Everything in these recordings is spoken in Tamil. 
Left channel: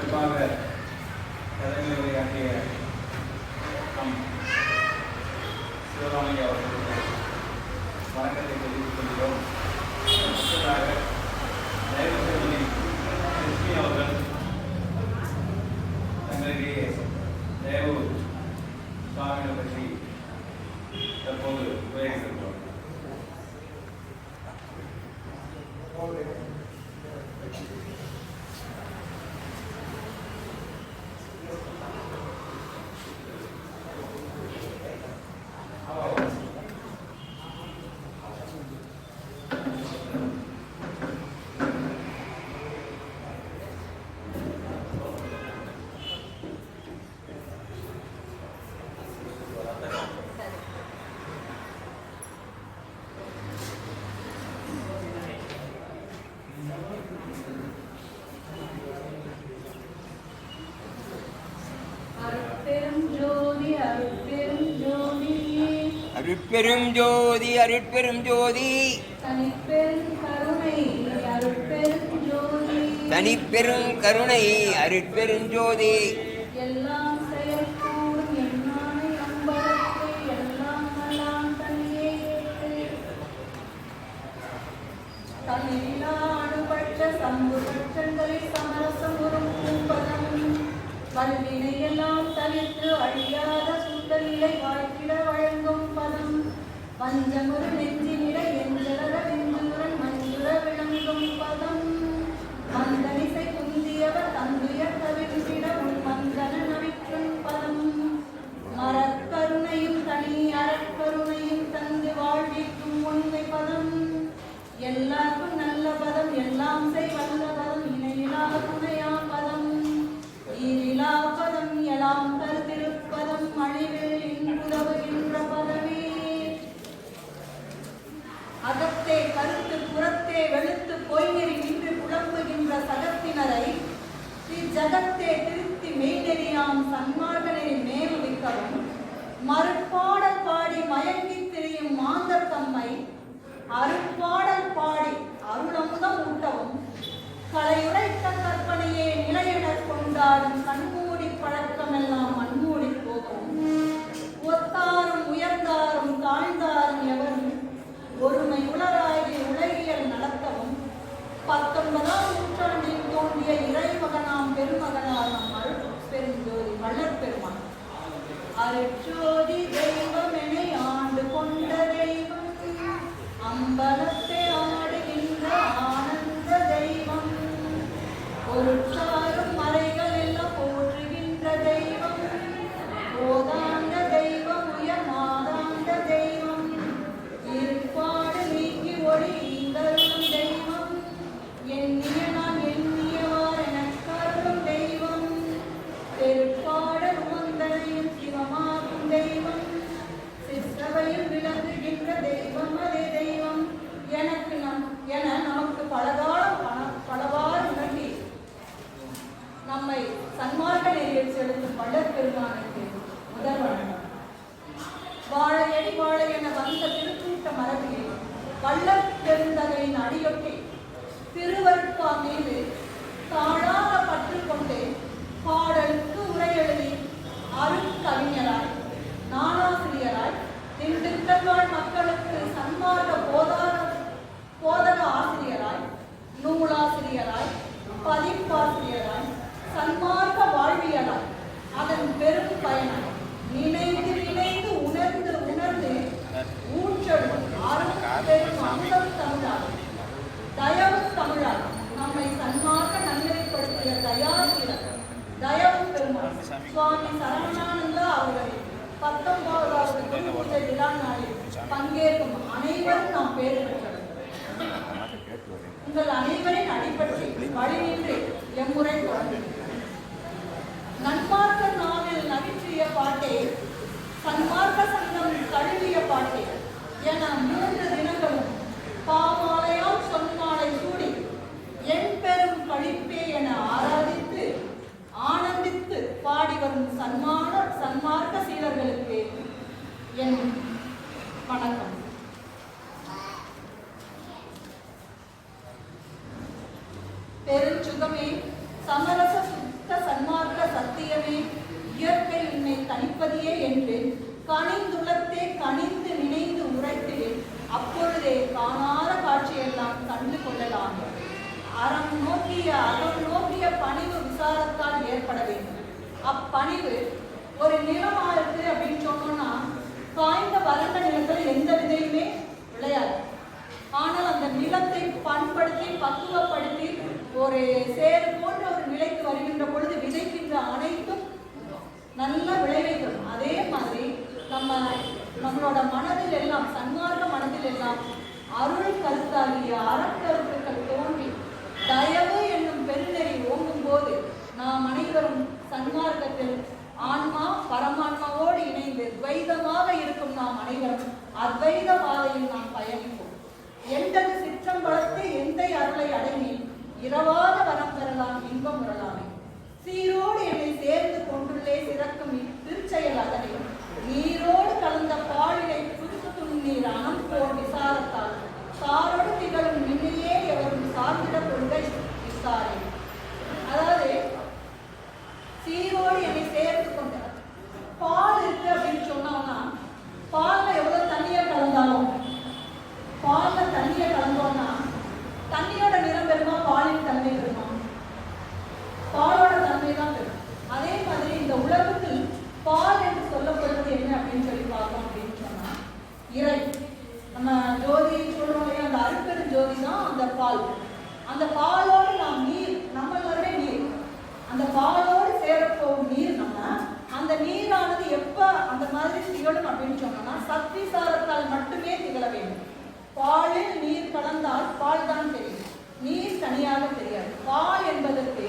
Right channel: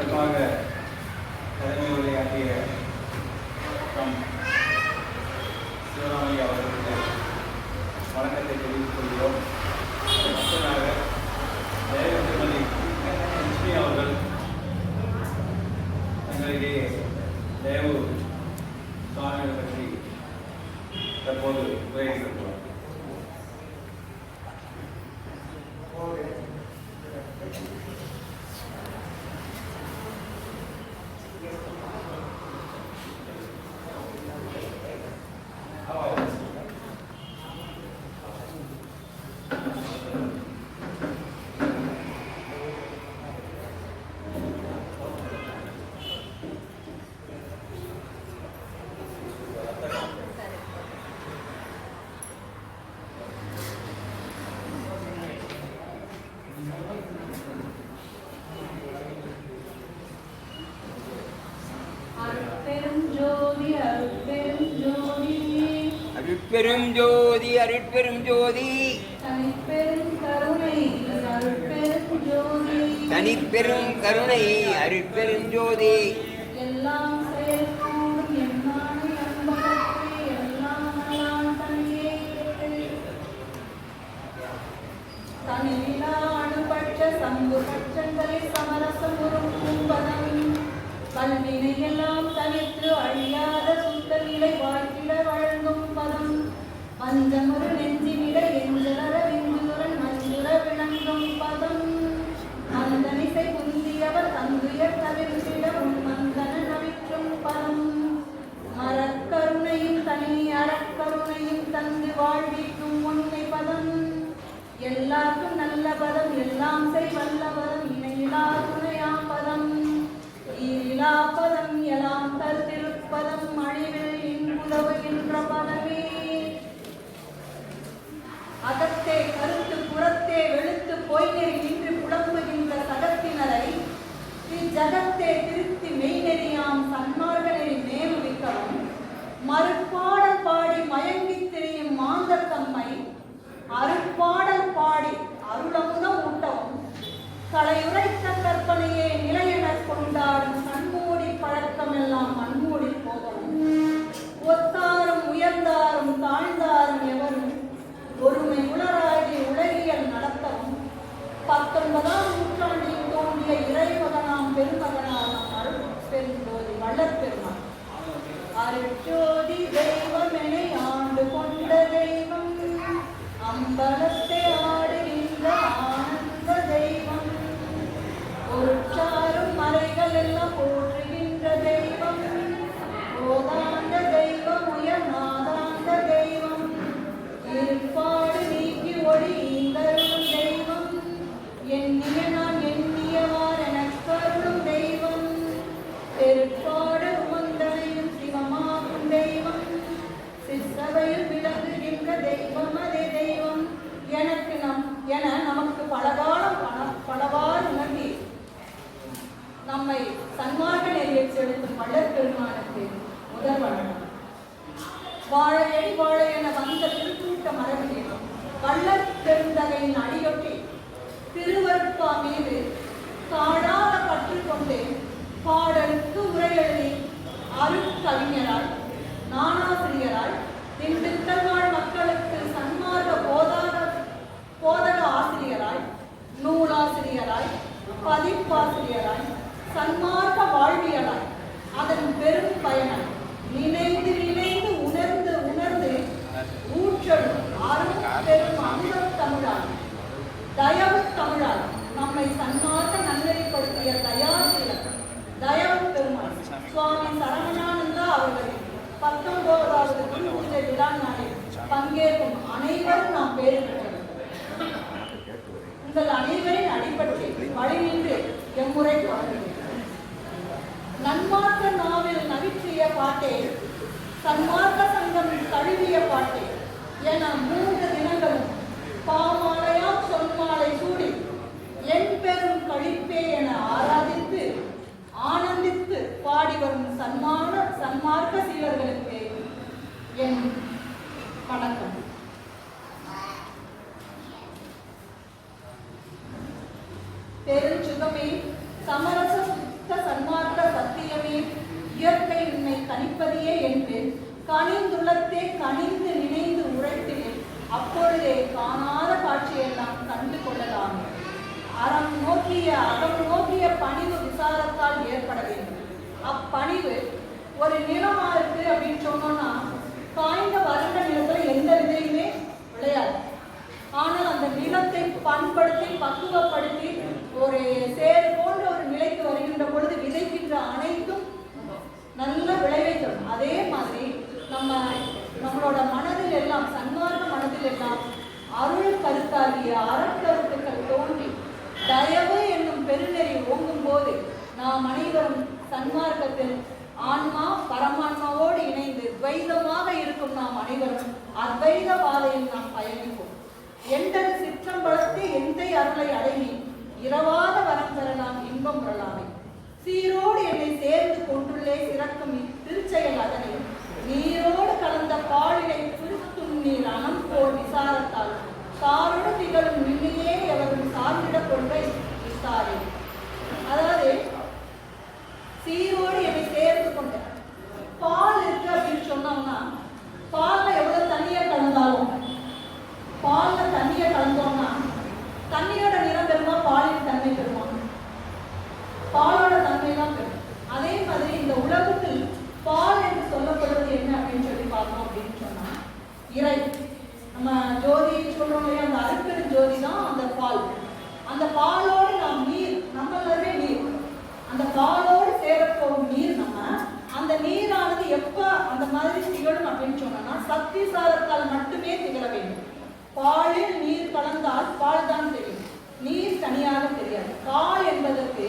சிறப்பாக தலைமை உரையாற்றிய நம் சிவராமையா அவர்களுக்கு வணக்கத்தை தெரிவித்துக் கொள்கிறோம். அடுத்ததாக தயவு திருமதி லட்சுமி அவர்கள் தங்களிடையே தயவு சுவாமிகளை பற்றி தற்போது உரையாற்றுகிறார். அருட்பெரும் ஜோதி அருட்பெரும் ஜோதி தனிப்பெரும் கருணை அருட்பெரும் ஜோதி எல்லாம் செயற்கூடும் என்னானை அன்பகத்தை எல்லாம் எல்லாம் தனியே தனியிலா அணுபட்ச சம்பு பட்சங்களை சமரசம் உருக்கும் பதம் கல்வினை எல்லாம் தனித்து அழியாத சுத்த நிலை வாழ்த்திட வழங்கும் பதம் பஞ்சமுறு நெஞ்சினிட எந்தளர விந்துடன் மஞ்சுர விளங்கும் பதம் மந்தனிசை குந்தியவர் தந்துய தவிர்த்திட உன் மந்தன நவிற்றும் பதம் மரக்கருணையும் தனி அறக்கருணையும் தந்து வாழ்விக்கும் உண்மை பதம் எல்லாருக்கும் நல்ல பதம் எல்லாம் செய் வல்ல பதம் இணையிலா துணையா பதம் ஈரிலா பதம் எல்லாம் தருதிருப்பதம் அழிவில் இன்புலவுகின்ற பதமே அகத்தே கருத்து புறத்தே வெளுத்து பொய்நெறி நின்று புலம்புகின்ற சடத்தினரை இஜகத்தே திருத்தி மெய்நெறியாம் சன்மார்கனை மேல் வைக்கவும் மறுப்பாடல் பாடி மயங்கித் திரியும் மாந்தர் தம்மை அருப்பாடல் பாடி அருளமுதம் ஊட்டவும் கலையுரைத்த கற்பனையே நிலையெனக் கொண்டாடும் கண்மூடி பழக்கமெல்லாம் மண்மூடி போகவும் ஒத்தாரும் உயர்ந்தாரும் தாழ்ந்தாரும் எவரும் ஒருமை உணராகி உலகியல் நடத்தவும் 19ஆம் நூற்றாண்டில் தோன்றிய இறைமகனாம் பெருமகனாகும் அருட்பெருஞ்சோதி வள்ளற்பெருமான் அருட்ஜோதி தெய்வமெனை ஆண்டு கொண்ட தெய்வம் அம்பலத்தை ஆடுகின்ற ஆனந்த தெய்வம் பொருட்சாரும் மலைகள் எல்லாம் போற்றுகின்ற தெய்வம் போதாந்த தெய்வம் உயர்நாதாந்த தெய்வம் இருப்பாடு நீக்கி ஒளி ஈந்தருளும் தெய்வம் எண்ணிய நான் எண்ணியவார் எனக் கருளும் தெய்வம் பெருட்பாடு உமந்தனையும் சிவமாகும் தெய்வம் சிற்சபையில் விளங்குகின்ற தெய்வம் அதே தெய்வம் எனக்கு நமக்கு பலகாலம் பலவாறு உணர்த்தி நம்மை சன்மார்க்க நெறியில் செலுத்தும் வள்ளற்பெருமானுக்கு முதல் வணக்கம். வாழையடி வாழை என வந்த திருக்கூட்ட மரபில் வள்ளற்பெருந்தகையின் அடியொட்டி திருவருட்பா மீது தாழாத பற்று கொண்டு பாடலுக்கு உரையெழுதி அருட்கவிஞராய் நானாசிரியராய் திண்டுக்கல் வாழ் மக்களுக்கு சன்மார்க்க போதக ஆசிரியராய் நூலாசிரியராய் பதிப்பாசிரியராய் சன்மார்க்க வாழ்வியலாய் அதன் பெரும் பயனாய் நினைந்து நினைந்து உணர்ந்து உணர்ந்து ஊற்றலும் அரும் பெரும் அன்பத் தமிழால் தயவு தமிழால் நம்மை சன்மார்க்க நன்னெறிப்படுத்திய தயாசீலர் தயவு பெருமாள் சுவாமி சரவணானந்தா அவர்களின் 19வது குரு பூஜை விழா நாளில் பங்கேற்கும் அனைவரும் நாம் பேறு பெற்றவர். உங்கள் அனைவரின் அடிப்படை வழிநின்று எம்முறை தொடங்குகிறேன். நன்மார்க்க நாவில் நவிற்றிய பாட்டே சன்மார்க்க சங்கம் தழுவிய பாட்டே என 3 தினங்களும் பாமாலையால் சொன்மாலை சூடி என் பெரும் கழிப்பே என ஆராதித்து ஆனந்தித்து பாடி வரும் சன்மார்க்க சீலர்களுக்கு என் வணக்கம். பெருஞ்சுகமே சமரச இயற்கை உன்னை கணிப்பதியே என்று கனிந்துள்ளத்தே கனிந்து நினைந்து உரைத்திடில் அப்பொழுதே காணாத காட்சியெல்லாம் கண்டு கொள்ளலாமே. அறம் நோக்கிய பணிவு விசாரத்தால் ஏற்பட வேண்டும். அப்பணிவு ஒரு நிலம் இருக்கு அப்படின்னு சொன்னோம்னா காய்ந்த வறண்ட நிலத்துல எந்த விதையுமே விளையாது. ஆனால் அந்த நிலத்தை பண்படுத்தி பக்குவப்படுத்தி ஒரு சேறு போன்ற ஒரு நிலைக்கு வருகின்ற பொழுது விதைக்கின்ற அனைத்தும் நல்ல விளைவை தரும். அதே மாதிரி நம்மளோட மனதில் எல்லாம் சன்மார்க்க மனதில் எல்லாம் அருள் கருத்தாகிய அறக்கருத்துக்கள் தோன்றி தயவு என்னும் பெருநெறி ஓங்கும் போது நாம் அனைவரும் சன்மார்க்கத்தில் ஆன்மா பரமான்மாவோடு இணைந்து துவைதமாக இருக்கும் நாம் அனைவரும் அத்வைத பாதையில் நாம் பயணிப்போம். எந்தன் சிற்றம்பலத்தை எந்த அருளை அடைவி இரவாத வரம் பெறலாம் இன்பம் உறலாமே. சீரோடு என்னை சேர்ந்து கொண்டுள்ளே சிறக்கும் திருச்செயல் அதனை நீரோடு கலந்த பாலினை புரித்துண்ணீர் அனம் போல் விசாரத்தால் சாரோடு திகழும் நின்னையே எவரும் சார்ந்திட கொள்கை விசாரே. அதாவது சீரோடு என்னை சேர்ந்து கொண்ட பால் இருக்கு அப்படின்னு சொன்னோம்னா பால்ல எவ்வளவு தண்ணியை கலந்தாலும் பால்ல தண்ணியை கலந்தோம்னா தண்ணியோட நிறம் பெறுமா பாலின் தன்மை பெறுமா? பாலோட தன்மை தான் பெறும். அதே மாதிரி இந்த உலகத்தில் பால் என்று சொல்லப்படுவது என்ன அப்படின்னு சொல்லி பார்த்தோம் அப்படின்னு சொன்னா இறை. நம்ம ஜோதி சொல்றோம் இல்லையா, அந்த அருட்பெரும் ஜோதி தான் அந்த பால். அந்த பாலோடு நாம் நீர், நம்மளே நீர், அந்த பாலோடு சேரப்போகும் நீர். நம்ம அந்த நீரானது எப்ப அந்த மாதிரி திகழும் அப்படின்னு சொன்னோம்னா சத்திசாரத்தால் மட்டுமே திகழ வேண்டும். பாலில் நீர் கலந்தால் பால் தான் தெரியும், நீர் தனியாக தெரியாது. பால் என்பதற்கு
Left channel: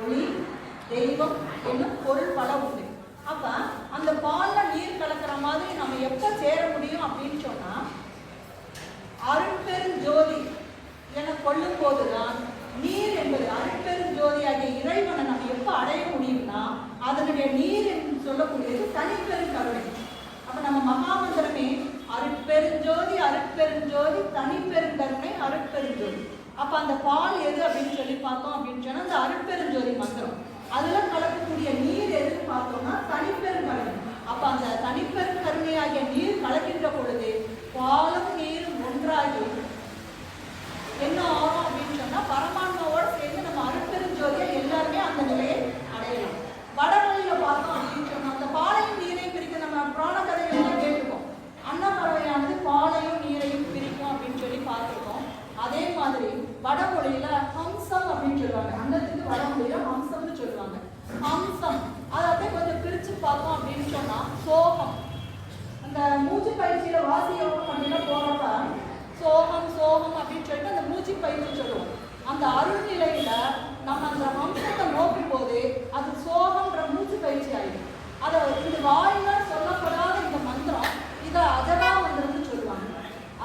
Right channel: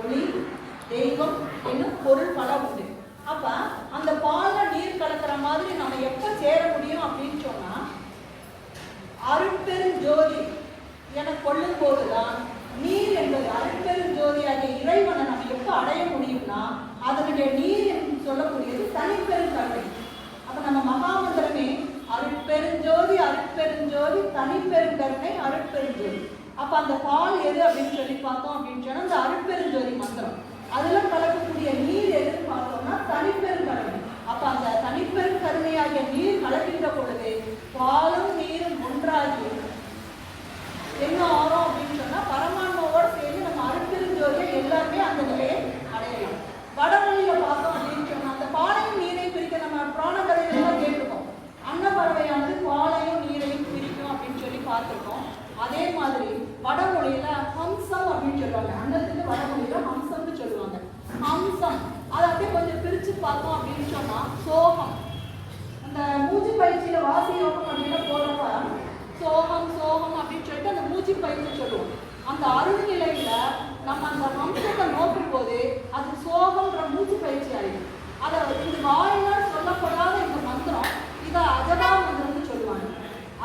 ஒளி தெய்வம் என்னும் பொருள் பல உண்டு. அப்ப அந்த பால்ல நீர் கலக்கிற மாதிரி நம்ம எப்ப சேர முடியும் அப்படின்னு சொன்னா அருட்பெரும் ஜோதி என கொள்ளும் போதுதான் நீர் என்பது அருட்பெரும் ஜோதி ஆகிய இறைவனை நம்ம எப்ப அடைய முடியும்னா அதனுடைய நீர் என்று சொல்லக்கூடியது தனிப்பெரும் கருணை. அப்ப நம்ம மகாமந்திரமே அருட்பெருஞ்சோதி அருட்பெருஞ்சோதி தனிப்பெரும் கருணை அருட்பெருஞ்சோதி. அப்ப அந்த பால் எது அப்படின்னு சொல்லி பார்த்தோம் அப்படின்னு சொன்னா அந்த அருட்பெருஞ்சோதி மந்திரம். அதெல்லாம் கலக்கக்கூடிய நீர் எதுன்னு பார்த்தோம்னா தனிப்பெரும் கருணை. அப்ப அந்த தனிப்பெரும் கருணையாகிய நீர் கலக்கின்ற பொழுது பாலும் நீரும் ஒன்றாகி என்ன ஆகும் அப்படின்னு சொன்னா பரமான்மாவோடு சேர்ந்து நம்ம அருட்பெருஞ்சோதியை எல்லாருமே அந்த நிலையை அடையணும். வடமொழியில பார்த்தோம் அப்படின்னு சொன்னா அந்த பாலையும் நீரையும் பிரிக்க நம்ம புராண கதைகள்லாம் கேட்டுருக்கோம். அன்னப்பறவையானது பாலையும் நீரையும் பிரிக்கும் அப்படின்னு சொல்லி பார்த்துருக்கோம். அதே மாதிரி வடமொழியில ஹம்சம் அப்படின்னு சொல்லுவாங்க. அன்னத்துக்கு வடமொழியில ஹம்சம்னு சொல்லுவாங்க. ஹம்சம் அதை அப்படியே கொஞ்சம் பிரிச்சு பார்த்தோம் அப்படின்னு சொன்னா சோகம். அந்த மூச்சு பயிற்சியில வாசி யோகம் அப்படின்னு போறப்ப சோகம் சோகம் அப்படின்னு சொல்லிட்டு அந்த மூச்சு பயிற்சி சொல்லுவோம். அந்த அருள் நிலையில நம்ம அந்த ஹம்சத்தை நோக்கும் போது அது சோகம்ன்ற மூச்சு பயிற்சி ஆயிடும். அதை இந்த வாயினால் சொல்லப்படாத இந்த மந்திரம் இதை அதவா மந்திரம்னு சொல்லுவாங்க.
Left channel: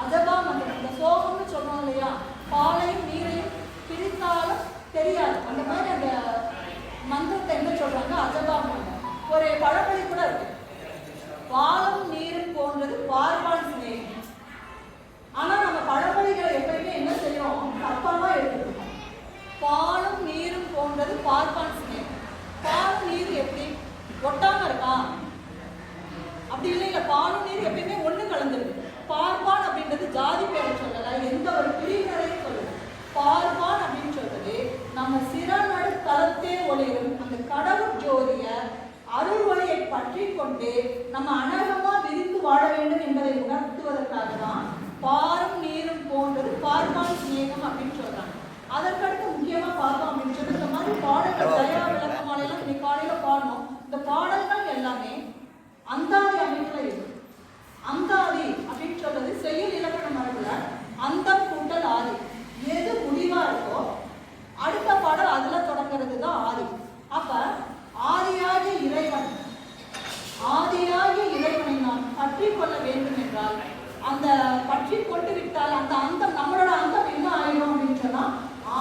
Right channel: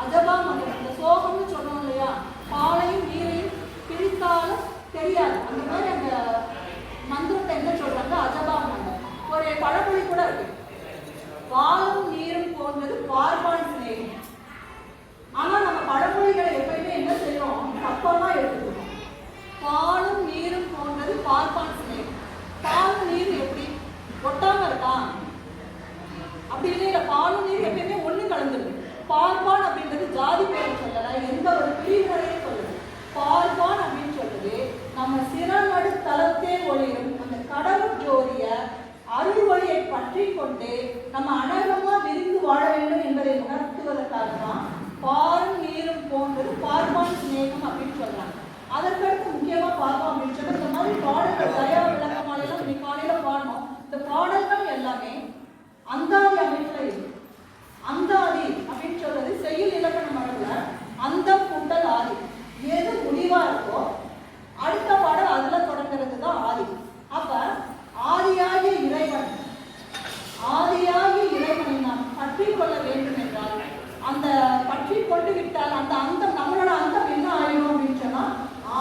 அதவா மந்திரம் அந்த சோகம்னு சொன்னோம் இல்லையா, பாலையும் நீரையும் பிரித்தாலும் தெரியாது. அந்த மாதிரி அந்த மந்திரத்தை என்ன சொல்றாங்க, அதவா மந்திரம். ஒரு பழமொழி கூட இருக்கு, பாலும் நீரும் போன்றது பார்ப்பான் சிநேகம். ஆனா நம்ம பழமொழிகளை எப்பயுமே என்ன செய்யறோம், தப்பமா எடுத்துக்கணும். பாலும் நீரும் போன்றது பார்ப்பான் சிநேகம். பாலும் நீரும் எப்படி ஒட்டாம இருக்கா? அப்படி இல்லையா, பாலும் நீர் எப்பயுமே ஒண்ணு கலந்துருக்கு. பார்ப்பான் அப்படின்றது ஜாதி பேரை சொல்லல, எந்த ஒரு பிரிவினரையும் சொல்லுது. பார்ப்பான் அப்படின்னு சொல்றது நம்ம சிறநடு தளத்தே ஒளிரும் அந்த கடவுள் ஜோதிய அருள் வழியை பற்றி கொண்டு நம்ம அனகமா விரிந்து வாழ வேண்டும் என்பதை உணர்த்துவதற்காக தான் பாலும் நீரும் போன்றது பார்ப்பான் சிநேகம் அப்படின்னு சொல்றாங்க. அதற்கடுத்து முக்கியமா பார்த்தோம் அப்படின்னு சொன்னா இந்த மாதிரி பாடல்கள் தயா விளக்கமாலையெல்லாம் இன்னைக்கு காலையில பாடணும். இந்த பாடல்கள் எல்லாமே அந்தாதி அமைப்புல இருக்கு. அந்தாதி அப்படின்னு சொல்றது செய்யுள் இலக்கண மரபுல அந்தம் கூட்டல் ஆதி, எது முடிவா இருக்கோ அடுத்த பாடல் அதுல தொடங்குறது தான் ஆதி. அப்ப ஆதியாகிய இறைவனை நாம் பற்றி கொள்ள வேண்டும் என்றால் அந்த பற்றி கொண்டு விட்டால் அந்த அந்தம் நம்மளோட அந்தம் என்ன ஆயிடும் அப்படின்னு சொன்னா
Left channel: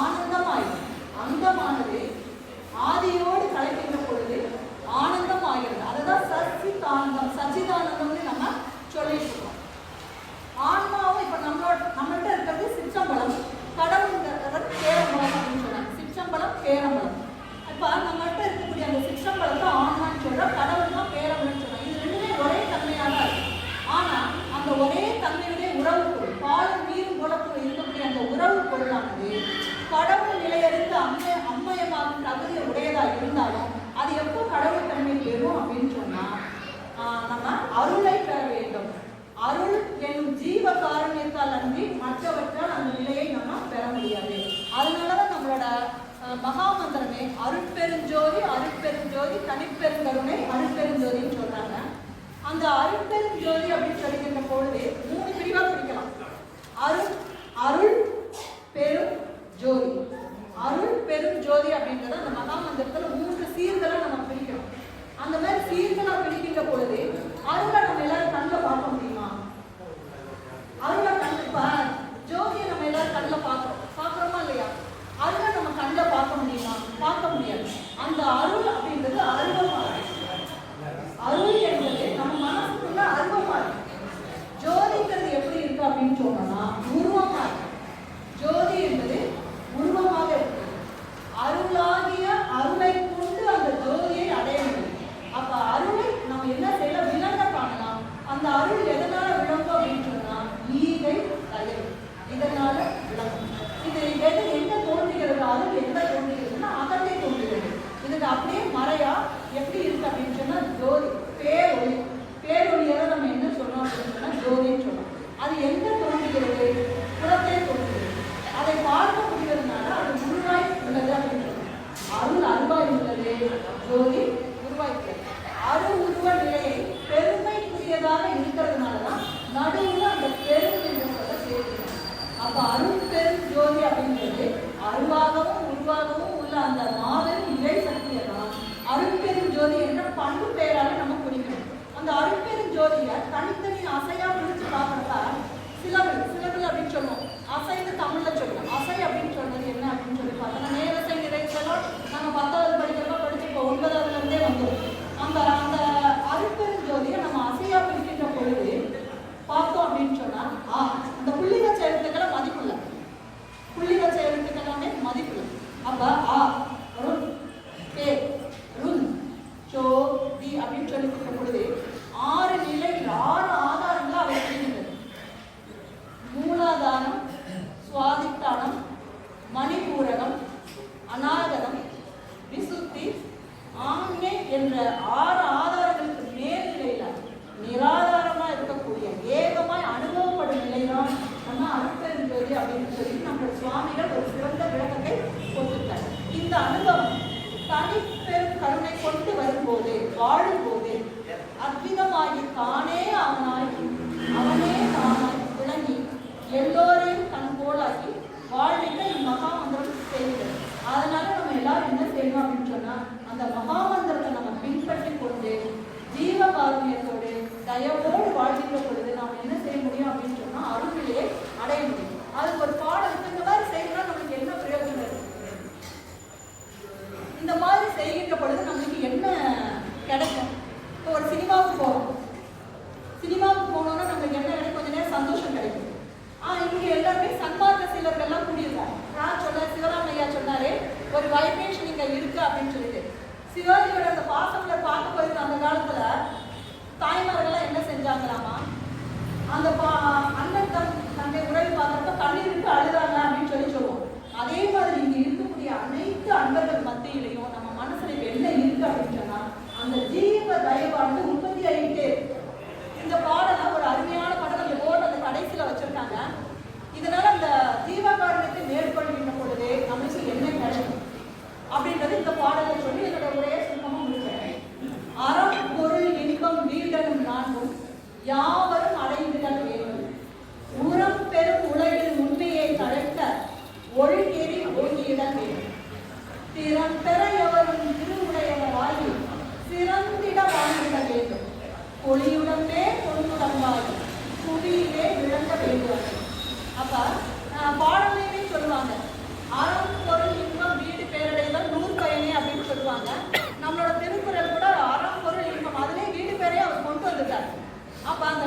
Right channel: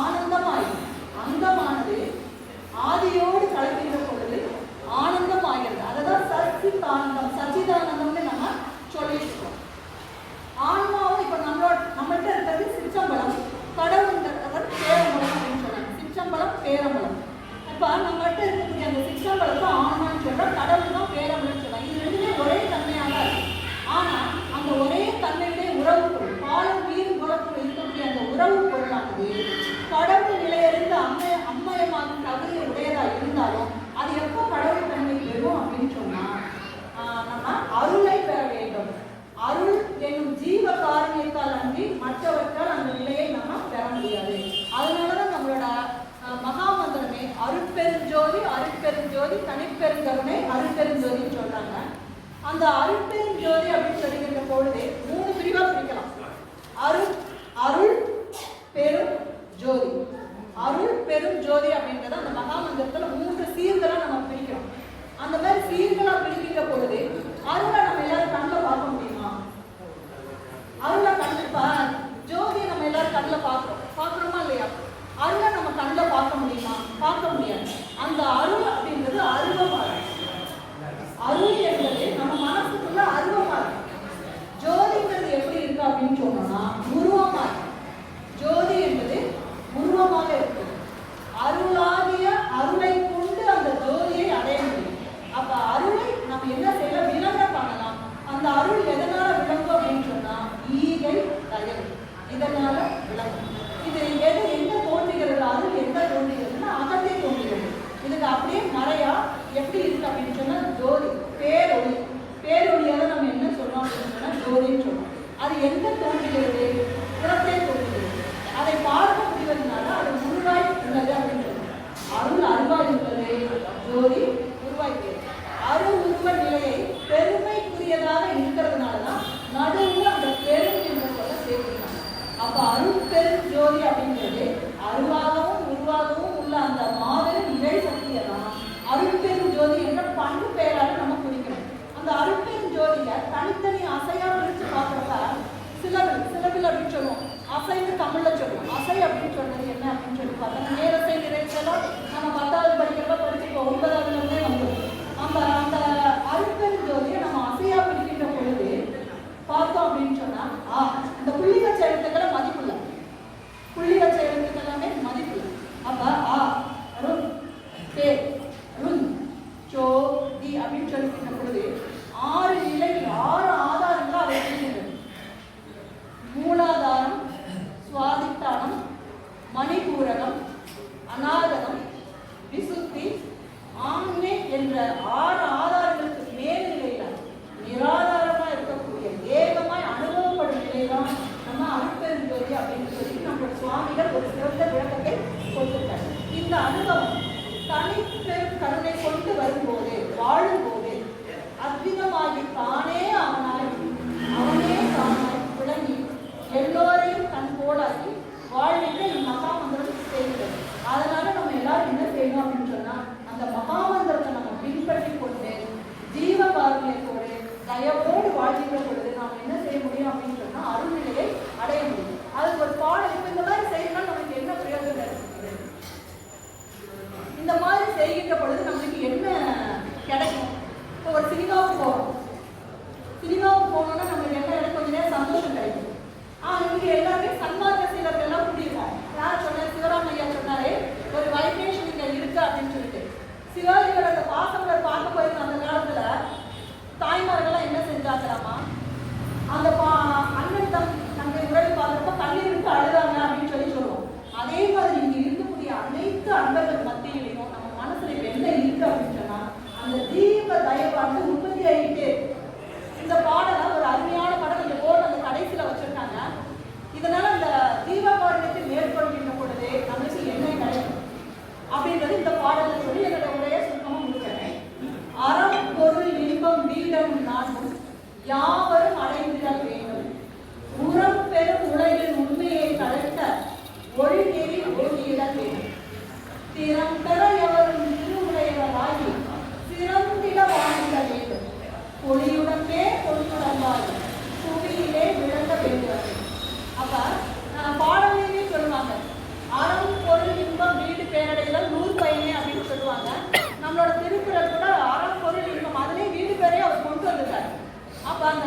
ஆனந்தம் ஆயிடும். அந்தமானது ஆதியோடு கலக்கின்ற பொழுது ஆனந்தம் ஆகிறது. அதுதான் சச்சிதானந்தம், சச்சிதானந்தம்னு நம்ம சொல்லிட்டு ஆன்மாவும் இப்ப நம்மள்கிட்ட இருக்கிறது சிற்றம்பலம், கடவுள்ன்றவர் பேரம்பலம் அப்படின்னு சொன்னாங்க. சிற்றம்பலம் பேரம்பலம். இப்ப நம்மகிட்ட இருக்கக்கூடிய அந்த சிற்றம்பலத்தை ஆன்மான்னு சொல்றோம், கடவுள் தான் பேரமிழன்னு சொல்றோம். இது ரெண்டுமே ஒரே தன்மையாக இருக்கு. ஆனா அந்த ஒரே தன்மையுடைய உறவு பொருள், பாலும் நீரும் குலத்தில் இருக்கக்கூடிய அந்த உறவு பொருளானது கடவுள் நிலையிலிருந்து அம்மயமாகும் தகுதி உடையதா இருந்தாலும் அது எப்போ கடவுள் தன்மை பெறும் அப்படின்னு சொன்னா நம்ம அருளை பெற வேண்டும். அருள் என்னும் ஜீவ காரணியத்தால் அன்றி மற்றவற்றால் அந்த நிலையை நம்ம பெற முடியாது. அதனாலதான் நம்மளோட மகாமந்திரமே அருட்பெருஞ்சோதி அருட்பெருஞ்சோதி தனிப்பெருங்கருணை அருட்பெருஞ்சோதின்னு சொல்றாங்க. அந்த அருட்பெருஞ்சோதி அப்படின்னு சொல்லிக்கின்ற பொழுது 3 பிரிவா பிரிக்கலாம். அருள் பெரும் ஜோதி. அருள் பெரும் ஜோதி அப்படின்றத அந்த மகாமந்திரத்துல 3 சீர்களா நம்ம பிரிக்கிறோம். அந்த மாதிரி சீர்களா பிரிக்கின்ற பொழுது அருளை நம்ம எல்லாரும் கண்ணில் பார்க்க முடியுமா? அருளை ஜோதியை நம்ம எல்லாரும் கண்ணில் பார்க்கிறோமா இல்லையா? அருளை நம்ம கண்ணில் பார்க்க முடியுமா? பார்க்க முடியாது. அந்த அருள் அப்படின்றது அருவமா இருக்கு. அருள் என்பது நம்ம மனசுக்குள்ள அருவமா இருக்கு. ஜோதிங்கிறது எப்படி இருக்கு அப்படின்னு சொன்னோம்னா உருவமா இருக்கு. ஜோதி என்பது உருவமாக இருக்கு. அருளாகிய அருளை கொண்டு அந்த ஜோதியை அடைய முடியும். அப்ப அருளை நம்ம என்ன செய்யலாம்? விளங்க பார்க்கலாம். அந்த அருள் எதனால விளங்கும் அப்படின்னு சொன்னா ஈகை தயவு, இதனால விளங்கும். இது என்ன தோன்றுகிறது? அருள் எங்க தோன்றுகிறதுன்னா அகத்தை தோன்றுகிறது. இதுக்கு அப்படியே மறையா எப்படி இருக்கு அப்படின்னு சொன்னா ஜோதி, பேரொளி. பேரொழியால நம்ம என்ன சொல்றோம் அப்படின்னு சொன்னா ஜோதின்னு சொல்றோம். அது எங்க தோன்றுகிறது? புறத்தே தோன்றுகிறது. அதை பார்க்க முடிவதனால அது உருவாய் உள்ளது அப்படின்னு சொல்றோம். அருள் அருவாய் உள்ளது, ஜோதி உருவாய் உள்ளது. அருள் உருவ நிலையை பெருமைக்குரியதாக இருக்கிறதுனாலதான் நடுவில் அந்த பெரும் என்ற சொல்ல சேர்க்கிறாங்க. அப்ப அருள் பெரும் ஜோதி அப்படிங்கிறது அருளாகவும் உருவாகவும் உள்ள அந்த மாபெரும் இறை சக்தியை தான் அருள் பெரும் ஜோதி என்ற பண்பு பெயராக நம்ம குறிக்கணும். அந்த அருள் பெரும் ஜோதியை தனித்தனி அசையா பிரிச்சு பார்க்கறதா சிலபில் அப்படின்னு சொல்லுவோம். அசைன்னு தமிழ்ல சொல்லுவோம். அசை அப்படின்னு சொன்னது என்ன அப்படின்னு சொல்லி பார்த்தோம்னா நேரசை நிறைச்செல்லாம் நம்ம 10வது படிக்கிறப்ப படிச்சுப்போம். 9வது இருந்தே வந்துடும். நம்ம அந்த அருட்பெரும் ஜோதியை நம்ம அசையா பிரிக்கின்ற பொழுது பார்த்தோம் அப்படின்னு சொன்னா இந்த புள்ளி வச்ச எழுத்துக்களை மதிப்பில்லை. புள்ளி வச்ச எழுத்துக்கள் எல்லாமே மதிப்பில்லை. அப்ப அருண் பே ருண் சோ தி அப்படின்னு சொல்லிக்கின்ற பொழுது 6 நிலைகள் 6 ஆதாரங்கள் அதை பிரிக்கின்றது. மூலாதாரம், சுவாதிஷ்டானம், மணிபூரகம், அநாகதம், விசுத்தி, ஆண்மை என்ற 6 ஆதாரங்களுக்கு மேல்நிலையில நிராதாரமா இருக்கக்கூடிய ஏகமாய் அனுபவப்படும் நிலைதான் நம்ம அருட்பெரும் ஜோதி அப்படின்னு சொல்லி நம்மளுடைய சுவாமிகள் ஒரு சிறந்த விளக்கத்தை கொடுத்துட்டாங்க. இந்த அனுபவம் தனிப்பெரும் கருணை கொண்டு வரும்போது வாழும்போது அத்விதமாகி தானே அவனாகி அவனே தானாய் விளங்கி எல்லோரையும் தன் போலாக்கி வாழ்நிலை மகாமந்திரம் செய்கிறது. அதனால நம்ம எல்லாரும் என்ன செய்யணும் அப்படின்னு சொன்னா அந்த மகாமந்திரத்தை நம்ம பின்பற்றி கொண்டு ஜீவ காருண்யத்தோடு தயவோடு வாழ்கின்ற பொழுது நாம் என்ன செய்ய முடியும் அப்படின்னு சொன்னா அருள்நிலையை அடைய முடியும். அதுக்கு ஒரு பாடம் இந்த மாதிரி செய்யணும். நமக்கு என்ன பிரயோஜனம் இருக்கு? இந்த மாதிரி செய்கின்ற பொழுது நம்மளுக்கு என்ன கிடைக்கும்? இப்போ ஒரு சினிமாவுக்கு போறோம். சினிமாவுக்கு போனோம்னா நமக்கு என்ன எனக்கு கொஞ்ச நேரம் சந்தோஷம் கிடைக்கும். இங்க எல்லாருமே சன்மார்க்க சீலர்கள் எல்லாம் கூடியிருக்கோம். யார் சொன்ன? சிவராமையா சொன்னாரு ஒரு வைப்ரேஷன் இங்க இருக்கு அப்படின்னு சொல்லிட்டு. சிவாஜியோட அந்த பாசங்களை பார்க்க போயிருந்த அந்த காலத்துல தாய்மார்கள் என்ன செஞ்சாங்களாமா, அந்த அண்ணன் நம்மை உறவு பார்க்கறப்ப கண்ணீர் விட்டு அழுதாங்க அப்படின்னு சொல்லுவோம். அதே மாதிரி இங்க இருக்கக்கூடிய அனைத்து அன்பர்கள் மத்தியிலையும் நம்ம மனசுல என்ன இருக்கு அப்படின்னு சொன்னா அந்த ஜீவ தயவாண்டு உற்பத்தி ஆகிட்டு. இந்த பாடலாம் ஒரு அருமையான படம் இங்க போர்டு அந்த கடைசியில வச்சிருக்காங்க. இதனால அந்த ஜீவகாரணத்தை மேற்கொள்கின்ற பொழுது நமக்கு என்ன கிடைக்கும் அப்படின்றது இந்த பாடலை சொல்லி என்னோட உரையை சுத்தமாக முடிக்கிறேன். அறம் பொருள் இன்பம் வீடனும் நான்கும் யாவரும் அடைந்திட வேண்டும். உரம் பெரும் உலகில் உண்மையை கடக்க ஒழுங்கேறி ஒழுங்கிட வேண்டும். திறம் பெற எவரும் திருவுடையவராகி சிறந்திட வாழ்ந்திட வேண்டும். பொலியுடனே கொடுக்கலம்பாய் புவியிலே விளங்க வேண்டும். அப்ப பாடலையே சொல்லுவாங்க அறம் பொருள் இன்பம் வீடு பேரடைதல் 100 பயனே அப்படின்னு சொல்லுவாங்க. நம்மளோட திருக்குறள் கூட அறம் பொருள் இன்பம் அதுலேயும் வீடு பேரையே அவர் கொண்டு வந்துட்டார். அப்ப அந்த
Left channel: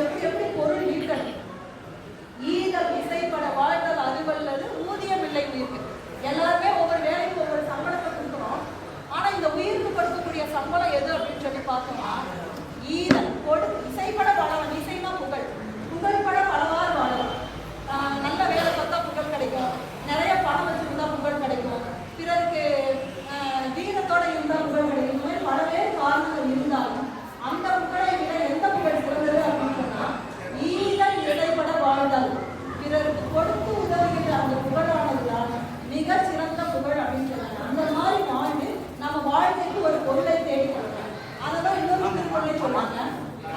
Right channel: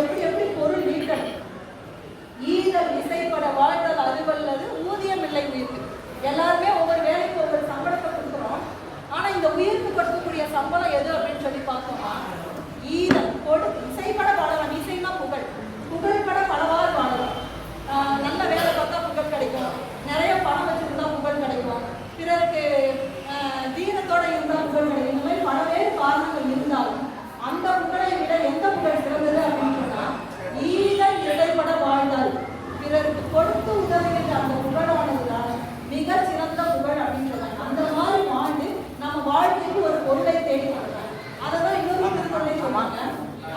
எப்படி எப்படி பொருள் ஈட்டணும். ஈதல் இசைப்பட வாழ்தல் அறிவல்லது ஊதியம் இல்லை உயிருக்கு. எல்லாருமே ஒவ்வொரு வேலைக்கு ஒவ்வொரு சம்பளத்தை கொடுக்கணும். ஆனா இந்த உயிருக்கு கொடுக்கக்கூடிய சம்பளம் எது அப்படின்னு சொல்லி பார்த்தோம்னா ஈதல் இசைப்பட வாழலாம். இசைனா புகழ், புகழ்பட பலவாறு வாழலாம். நல்ல வேலை பார்த்தா புகழ் கிடைக்கும், நிறைய பணம் வச்சுருந்தா புகழ் கிடைக்கும், பிறருக்கு தீனத்தோட இருந்தால் புகழ் கிடைக்கும். இந்த மாதிரி பலவேறு காரணங்கள் இருந்தாலும் அந்த புகழை விட எந்த புகழ் சிறந்தது அப்படின்னு சொன்னா ஈதல் இசைப்பட வாழ்தல், பிறருக்கு கொடுத்து உதவுகின்ற அந்த புகழானதுதான் மிக சிறந்த புகழ் அப்படின்னு சொன்னாங்க. அந்த மாதிரி வாழ்ந்து நம்ம வாழ்க்கைக்கு ஒரு பொருளை தேடி கொடுக்கலாம். அதைதான் இன்னொரு திருக்குறளை சொன்னாங்க,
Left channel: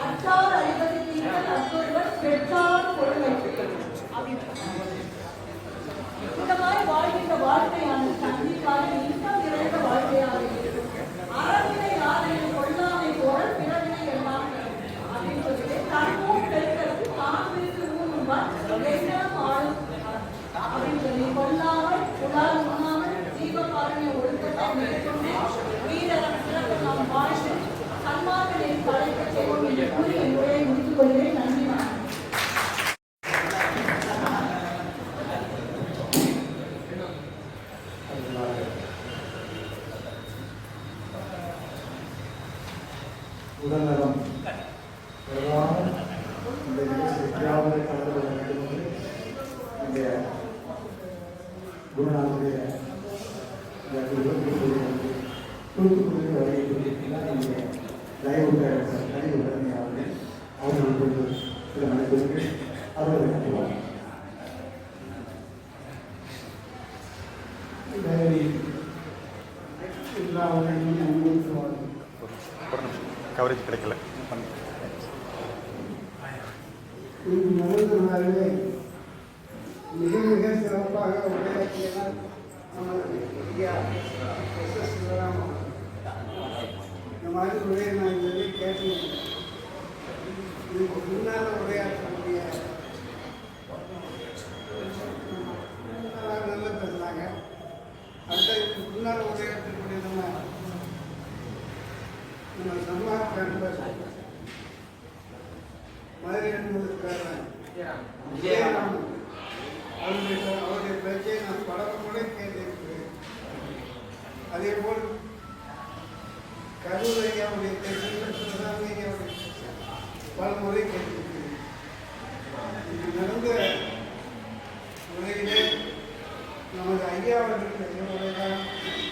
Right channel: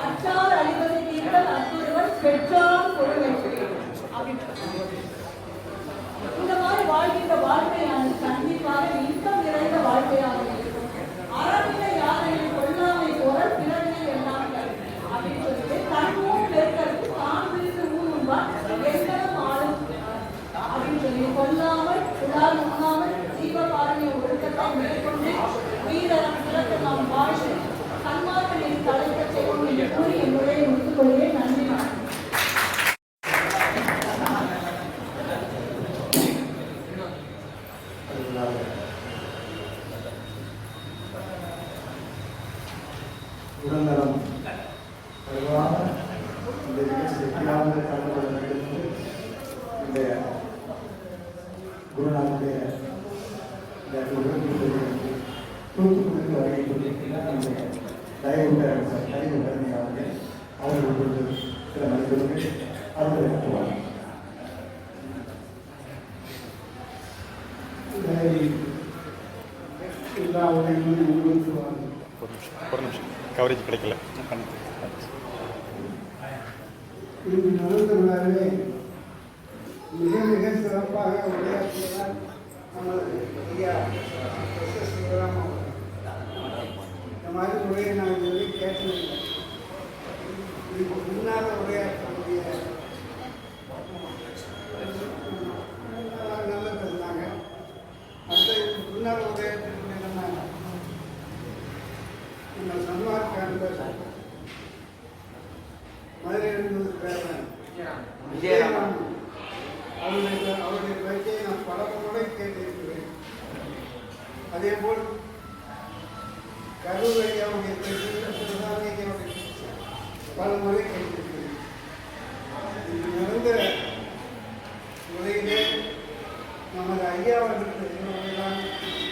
அற்றார் அழிவது தீர்த்தல் அற்புதவன் பெற்றார் பொருளை அப்படின்னு. இந்த மாதிரி வாழ்கின்ற வாழ்க்கையானது கண்டிப்பாக இன்பம் நிறைந்த வாழ்க்கையாக இருக்கும். அறநிலை யாதனை கொள்ளாமை போல் பிறவினை எல்லாம் அப்படின்னு சொல்லிட்டு தன்மும் பெருக்கிறது தான் விருக்கு ஊருவார் எல்லாம் ஆளும் அப்படின்னு சொல்லி கொல்லாமல் உடால் உண்ணாமல் ஜீவபாலனை ஒழுக்கத்தை மேற்கொண்டு வீரரம் சிறப்பு நாம் வாழ்ந்து சன்மார்க்கனின் தலைக்க செய்யும் என்று கூறி என் உரையை முடித்துக் கொள்வேன். நன்றி. உடல்நலம் பொதுவாக இந்த நிகழ்ச்சி வெற்றியாக கலந்து கொள்வதற்கு இந்த குருநாளுடைய தூத்துக்குடியில் வருகை நம்முடைய தயவு கருணை அவர்கள் சில மனிதர்கள் அவர்கள் கட்டுவார். கவரேஜ் கிடைக்கல. இங்கு நடந்துள்ளே மிக மிக சிறப்பாக உரையாற்றியதால் நமது ஐயா சிவராம இந்த மாதிரி உரையை நான் சொல்லி கேட்டதில்லை. இதுக்கு முன்னால் உரையாற்றக்கூடிய நல்லா பேசினாங்க. அடுத்த இதுக்கு முன்னால் உரையாற்றக்கூடிய நம்ம சன்மார்க்க அன்பர் மதுரையிலிருந்து விஜயராமன் அவருடைய பேச்சை நான் பல முறை கேட்டிருக்கிறேன். அதே போல் கரூர் ஐயாவுடைய பேச்சை பல முறை கேட்டிருக்கிறேன். இது நடந்த உரையிலே நமது ஐயா அவர்களுடைய உரைதான்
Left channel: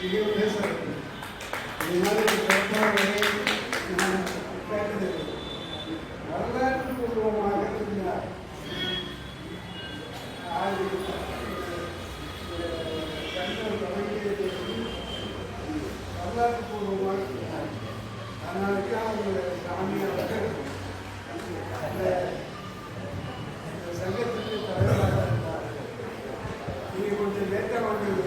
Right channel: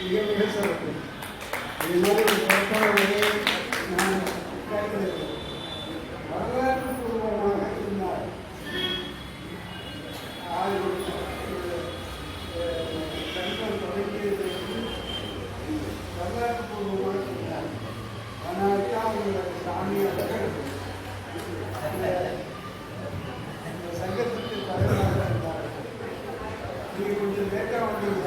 மிக மிக சிறப்பு. இது மாதிரி சிறப்பான உரையை நான் கேட்கிறது. வரலாற்று பூர்வமாக இருந்தார். சங்கம் தொடங்கியதற்கு வரலாற்று பூர்வமாக இருந்தார். அதனால்தான் அவங்களோட சாமியாளர்கள் சங்கத்துக்கு தலைவராக இருந்தார். நீங்கள் கொஞ்சம் லேட்டாக வந்தீங்க.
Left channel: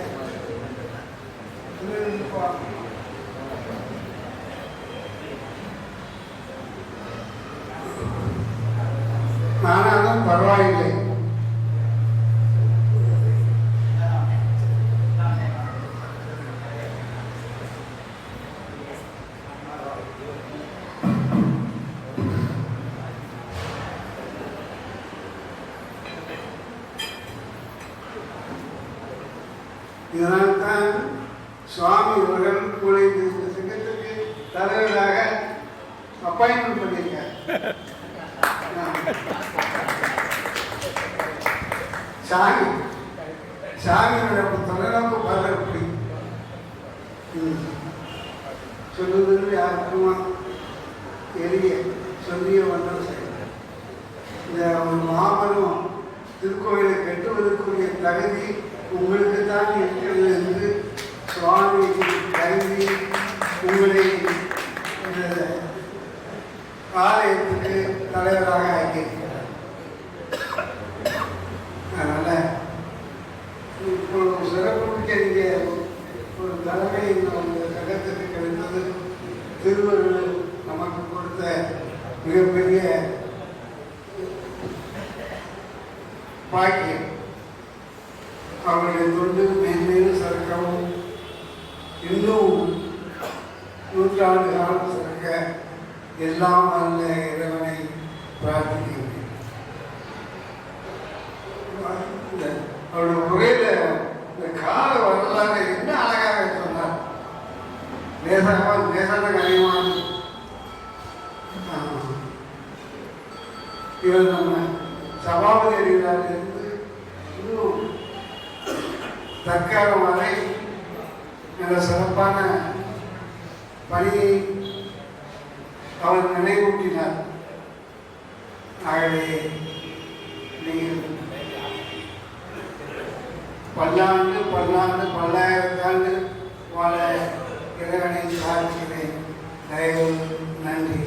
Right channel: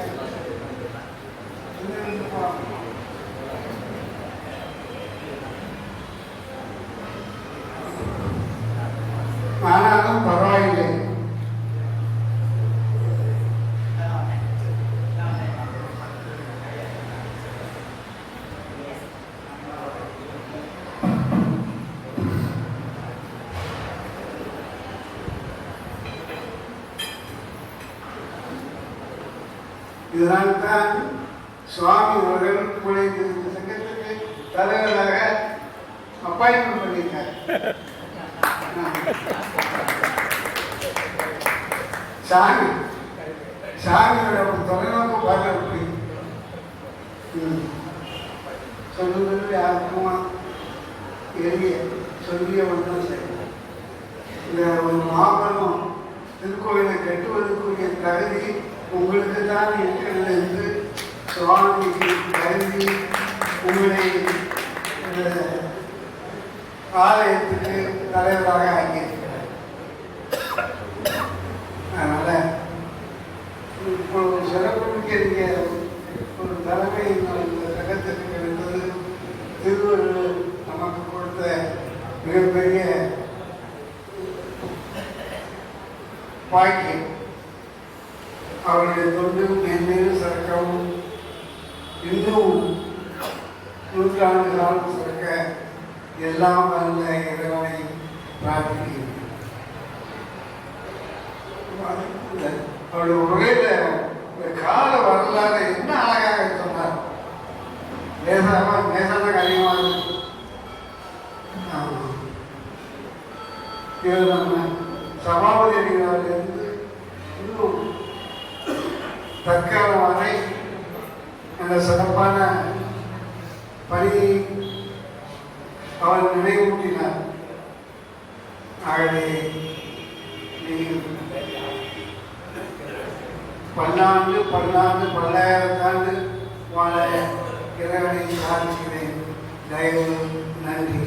ஆனாலும் பரவாயில்லை. இதனால்தான் சுவாமி அவர்கள் உங்களை இந்த சங்கத்துக்கு தலைவராக அப்பாயின்மெண்ட் பண்ணியிருக்கார். சாமியோட தொலைநோக்கு பார்வை எப்படி சொல்லுவதற்கு யாருக்குமா எளிய சொல்லிய ஒன்றும் செய்யணும். இந்த ஒரு மாபெரும் திருக்கோயிலை கட்டுவதற்குரிய தகுதி உங்களுக்கு தான் இருக்கிறது என்று சுவாமிக்கு கருதி உங்களை இந்த ஆலயத்துக்கு தலைவராக ஆக்கியிருக்கிறார். அதனால இப்போ ஒரு சிறப்புமிக்க ஒரு தலைமை சங்கத்திற்கு கிடைத்தது திருவள்ளுவர் நமக்கு கொடுத்த மிகப்பெரிய பாக்கியம். அவருடைய தொண்டு மேன்மேலும் சிறக்கவும் இன்னும் நூற்றாண்டு காலம் சிறக்க எல்லாம் அந்த இறைவனை பிரார்த்திக்கிறேன். அவருடைய உரையில கால வரலாறு என்ன அழகாக சொன்னார். நேசன கரையமான இது நம்ம சமாபதி அறிவிலிருந்து இன்னும் தற்காலம் வரை நல்ல சிறப்பான பணியை அவர் நினைவூட்டினார். ஆகவே நீங்கள் பல்லாண்டு பல்லாயிரத்தாண்டு வாழ இறைவனை பிரார்த்திக்கிறேன். தயவு நன்றி.